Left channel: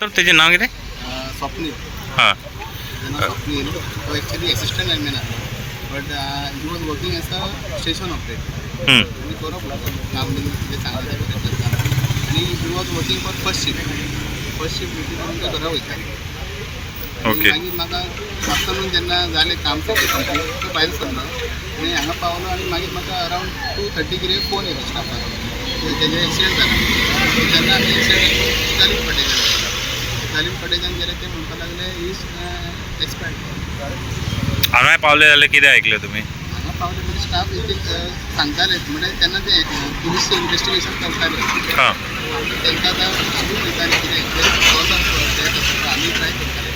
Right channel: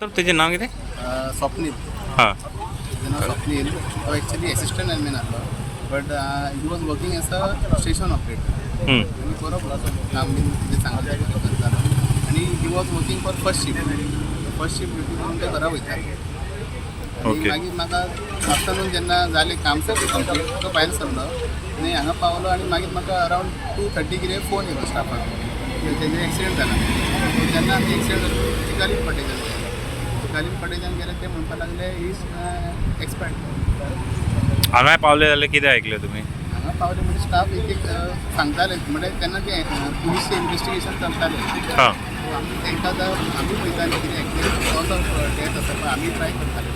तर त्याचे नाव किती? स्वप्नील. हां त्याचं नाव स्वप्नील. तो ॲक्च्युली असिस्टंट लाईनमॅन आसलो, but he was working as a station operator. आणि बरोबर काम बीन कितें सांगलें तें करतालो. आणि he was working for first shift duty करून ते घरा वयता. ओके. मागीर म्हाका आफ्टरनून जेन्ना जालें काम सगळें कंप्लीट, तो भायर सरलो आनी हांगा पावलो. आनी मागीर म्हाका अरावंड 2:30 कितें फोन येयलो स्टाफाक, तेजें एक्सिडेंट जाला. जेन्ना आमी एक्सिडेंट गालीम पटेच्यान गेले, ते म्हणपाक लागले इज एक्सपायर्ड. हांगा पावले जाल्यार कितें आयकलें तुमी? हांगा पावले म्हणजे स्टाफ एक सांगताले, म्हणजे तेन्ना ते पुलीस इन्वेस्टिगेशन चलतालें. हां आमी तांकां आमी पळयताले कितें कॉज ऑफ डेथ आसा, आमी ट्राय करताले.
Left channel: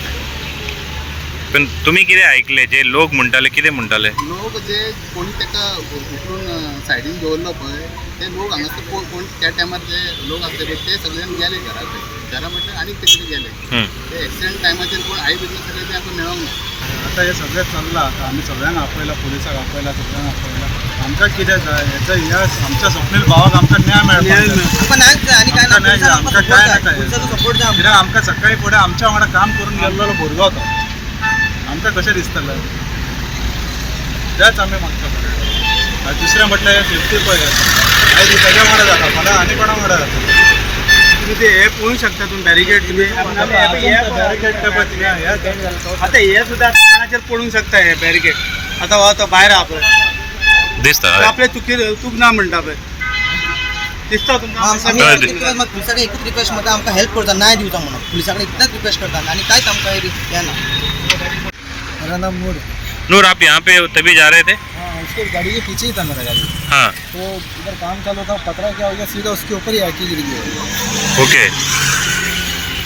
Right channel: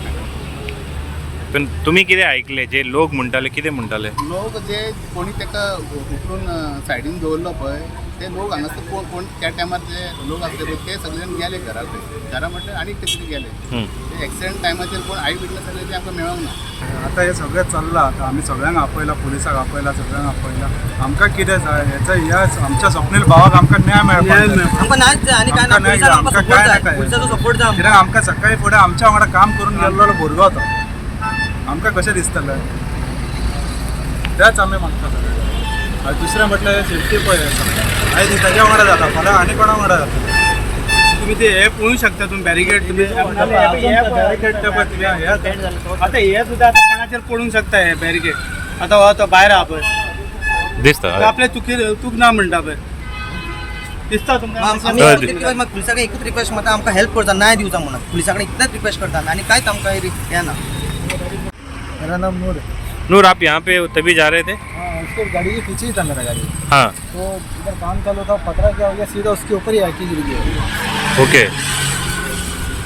पण तुम्ही कितें आयकले? जे लोक म्हणटाले कितें म्हणटाले? लोक जे कोणी ताका उखलून सायडीन दवरलो पळय, ते लोक हांगासर कोण त्या टायमार जे लोक आसले पळय ते सगळे जाण गेले घरा म्हटल्यार आनीक ते कितें गेले. ते एक्सिडेंट टायमाचेर कोण आय विटनस आसले ते आमकां मेळोंक ना. आता हे सगळें चल्लां. आता आमी सगळ्यांक आपयला, पुलिसाक आपयला, सगळ्यांक आपयला. आमकां कितें जाय? हेचो इतिहास आमच्या स्वप्नील भावाक आमकां न्याय मेळपाक जाय. आमकां न्यायच जाय आनी काय ना, आमकां न्याय जाय, आमकां काय नाका. पुलिसाचो सपोर्ट जाय. कित्याक आमकां सकाळी फुडें आमच्या वांगडा काम करून गेल्लो भुरगो तो, आमकां कशें दिसतलें? तेंच आमी मागता सगळें. आनी दुसरें म्हटल्यार सेफ्टी पळय आसा. आयज तेज्या वांगडा जाता, फाल्यां आनी कोणा वांगडा जाता. तुम्ही ते हे पळोवंक शकता, तुम्ही बॅरिकेड तुम्ही बॅरिकेड ते पळय तिका हे आता हे सुद्धा आता कोणाचेर पडूंक शकता हे बॅरिकेड. आता हो तो भायर आहा पळय, दिसता तो आपले चूक ना म्हणटा पळय, दिसता तुमकां? आमी पुलिसा कडेन एकूच रिक्वेस्ट करता, आमकां हेल्प करता, न्याय दिवचा म्हणून पुलिसा कडेन इतलेंच रिक्वेस्ट करता आनी कांयच आमकां हे ना. मेरा नाम नूर. नूर, आप यहाँ पे तभी जा रहे थे? हाँ, उसके गाड़ी के पीछे ही था मेरा गाड़ी. हाँ तो इधर काम चालू था, पतरा क्या हो गया, सीधा उसके ऊपर ही आके गिर गया. ओके.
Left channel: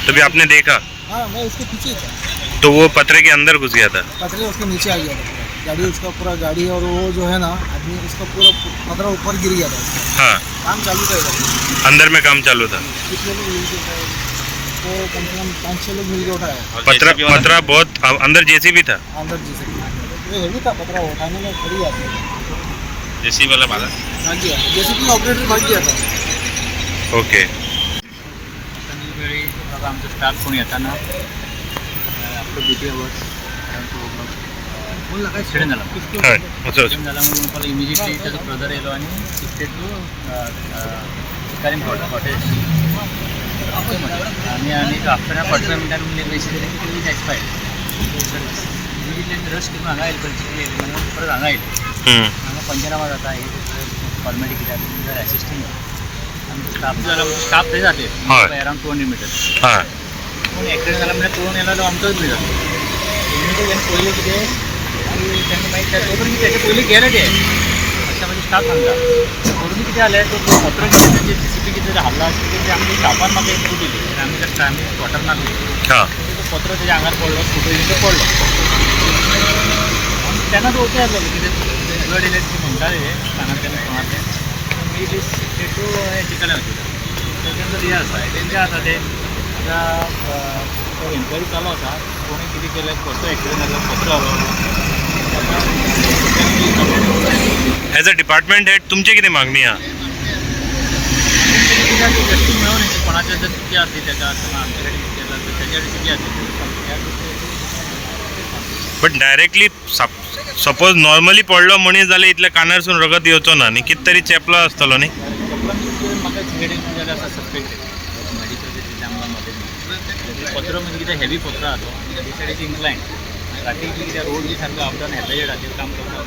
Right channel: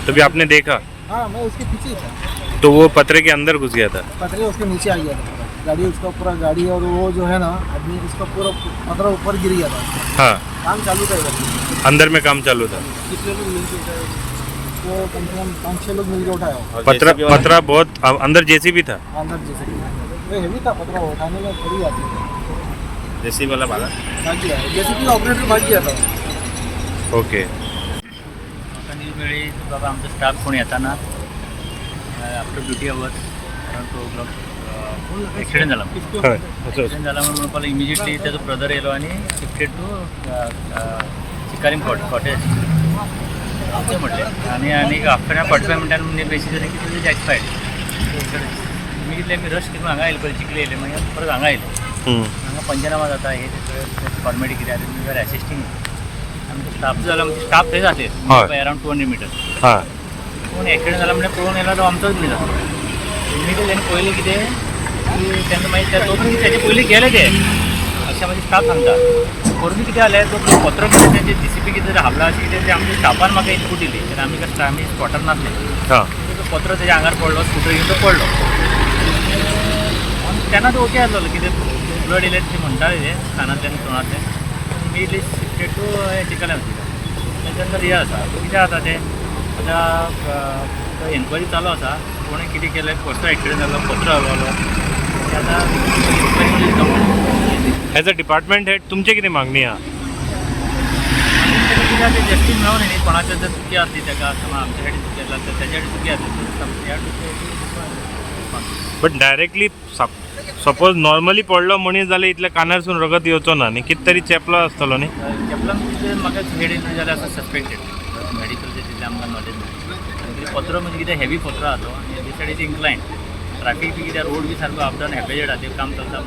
तभी आपने देखा? हाँ, मैं उसके पीछे ही था. तो वो पतरे के अंदर घुस गया था? पतरे उसके नीचे आ गया था पूरा. गाड़ी उसका पूरा गाड़ी और वो जो है ना आदमी, उसका पूरा पतरा ऊपर गिर गया था. हाँ, काम चालू था इधर. अंदर में काम चालू था. कितने लोग मिलके उठाए? तो कम से कम 5-6 लोग मिलके उठाया. पतरा बहुत अंदर जेसीबी था? अंदर जैसे ये हेवी था पतरा, उठाने में खड़ी आती है. जेसीबी वाला भागा? भाग गया, जैसे कि ऑपरेटर भाग गया था. ओके. वेळी बाबा आमचा स्टाफ कोण येताना after duty hours around 2 o'clock accident झाला. हय ॲक्सिडेंट झाल्यामुळे मला इमिजिएटली त्याचा ब्रदर येलो आणि शिफ्टेड टू चिकारीम कॉटेज असं म्हटलं. आणि आफ्टर 45 मिनटांनी म्हणजे मेसेज झाले की तुझी एक्सपायर्ड. इमिजिएटली आम्ही रश करून हांगा येयले, पयलीं चिकले येयले, मग परत हांगा येयले. हांगा पंचनामा जाता, हे फॉर्मेलिटी कितें आसा तुमी जर एसिस्टींग आमचो स्टाफ जो जाला, स्टाफ थंय जाते अराउंड 200 meters. हां पूण एक्सिडेंट जाला म्हणजे पळोवन येयला तो आमचोच बी जाता. इमिजिएटली तेन्ना पयलें कितें की तेन्ना मागीर तो पर्यंत तेजे पयलीं गेले ते अशें म्हणजे स्टाफ सांगता. करून कितें जालें तो पत्र मध्ये तेंचे JCB कितें हाबला अशें कितें ते आमच्या स्टाफान म्हाका इनपूट दिली. तेन्ना आमी स्पॉटार नासली. हां तो पत्र तेज्या आंगार पडलो, स्कूटर घेवन तो पडलो. तेन्ना तो ओके आसलो, कितें ब्लड येयलें ते म्हणटाले ते कानांतल्यान तोंडांतल्यान. इमिजिएटली शिफ्टेड टू चिकन हॉस्पिटल. तेन्ना हे आसा तेंचे आतां ते आतां एन्क्वायरी चालू आसा. कोणें कितें केलें, कसो एक्सिडेंट जालो, पत्र हलवलो ते आतां. ॲज अ डिपार्टमेंट हेड तुमचे कितें मागणी आहा? जस्टीस मेळोन न्ही, कोणाचें जर चुकी आसली ताका किंवा आमचे कडेन केला तर तेच्या चुकी आसली. बट डायरेक्टली सपोज नॉर्मली पडलो मनीस जाल्यार इतल्या कानारसून रगत येवचो ना न्ही, कितें तरी चेपलो आसतलो न्ही? चपलां म्हाका हेडीन जाल्यार आसा सस्पेक्टेड. मेडिकल तितलें आमकां नॉलेज ना. पत्र म्हणजे कितें हेवी पत्र आहा तो, आनी दी सायड इज इन्क्लायन. ट्राफीक बी कित्याक रोड बी सारको अपडावन हेपेजेड आहा, काम चलता.